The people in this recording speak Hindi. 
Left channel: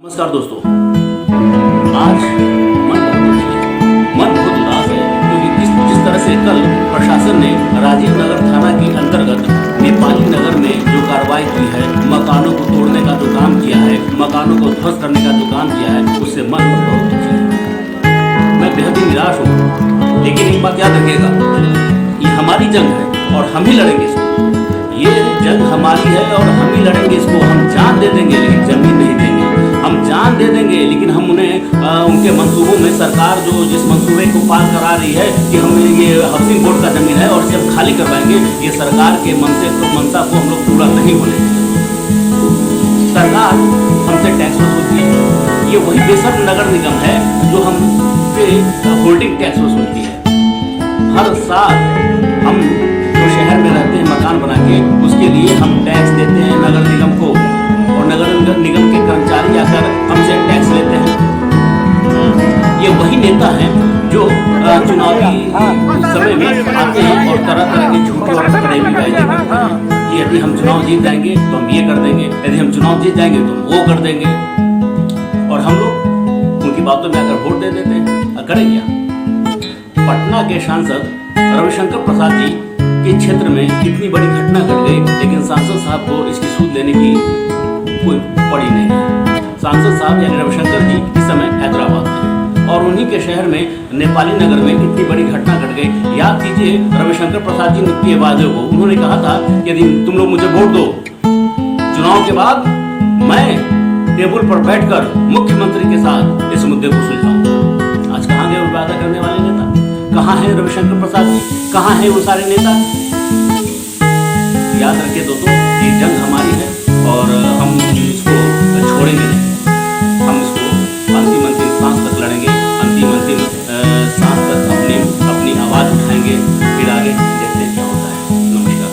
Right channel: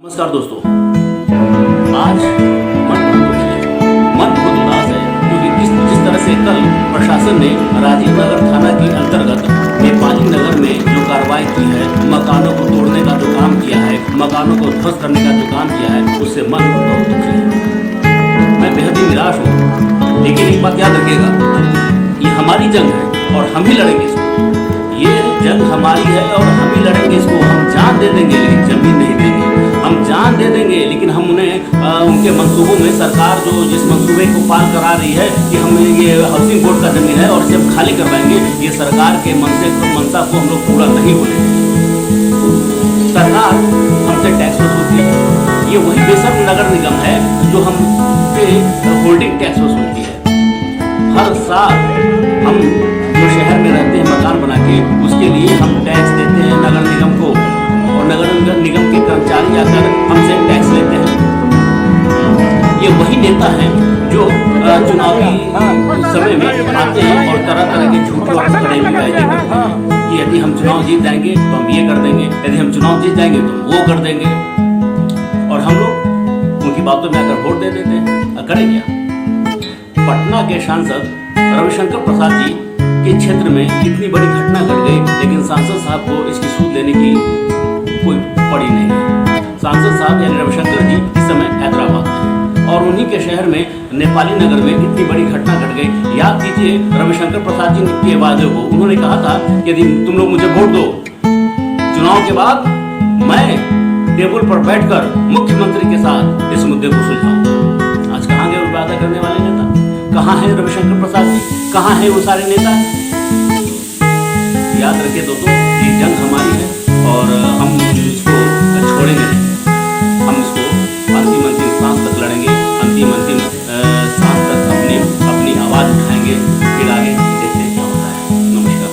नमस्कार दोस्तों, आज मन बहुत दुखी है, मन बहुत उदास है क्योंकि जिस तरह से कल प्रशासन ने राजीव नगर थाना के अंतर्गत नेपाली नगर में जो कार्रवाई की है, मकानों को तोड़ने का जो काम किया है, मकानों को ध्वस्त करने का जो काम किया है, उससे मन बहुत दुखी है। मैं बेहद ही निराश हूँ, लेकिन एक बात याद रखिएगा, ये हमारी जंग है और हम ही लड़ेंगे इसको। ये जंग हमारी है और हम ही लड़ेंगे इसको। हम जान दे देंगे लेकिन जमीन नहीं देंगे। हम जान दे देंगे लेकिन हम उन्हें उनके मंसूबों में सरकार जो जिस मंसूबे को पाल करा रही है कि हम ये हाउसिंग बोर्ड का ज़मीन है और जब खाली करवाएंगे, ये सरकार के मनसा को हम लोग पूरा नहीं होने देंगे। सरकार हमसे टैक्स वसूलती है, ये वही बेशर्म नगर निगम है जो हमसे होल्डिंग टैक्स वसूलती है। हर साल हम जो शहर में रहते हैं मकान बना के, उसके लिए हम टैक्स देते हैं नगर निगम को और नगर निगम के कर्मचारी आकर हमसे टैक्स लेते हैं। ये वही नेता हैं जो चुनावी समय में आते हैं और तरह तरह के झूठे और फरेबी वायदे करते हैं कि यदि हम चुनाव जीत जाएंगे तो हम ये कर देंगे, यदि हम चुनाव जीत जाएंगे तो हम वो कर देंगे, और हम लोग उनकी बातों में आकर वोट दे देते हैं। करें क्या? पटना के सांसद रविशंकर प्रसाद जी के क्षेत्र में इतनी बड़ी घटना घट गई, लेकिन सांसद साहब को इसकी सूद लेने की कोई पड़ी नहीं है। सांसद साहब यानी रविशंकर जी इस समय हैदराबाद में हैं और उन्हीं के शहर में नेपाली नगर में इतनी बड़ी घटना घट गई। याद कीजिए रविशंकर प्रसाद जी के वादे को। उन्होंने कहा था कि यदि तुम लोग मुझे वोट दो, चुनाव के बाद मैं टेबल पर बैठकर मुख्यमंत्री के साथ इस मुद्दे को सुलझाऊंगा। आज कहाँ गए वो वादा करने वाले नेता? कहाँ है रविशंकर प्रसाद जी? कहाँ है वो सारे नेता? याद रखिए दोस्तों, ये जंग हमारी है और हम इसको छोड़ेंगे नहीं। हम इसको अंतिम सांस तक लड़ेंगे, अंतिम सांस तक अपनी आवाज़ उठाएंगे, फिर आगे देखते हैं क्या होता है। नमस्कार।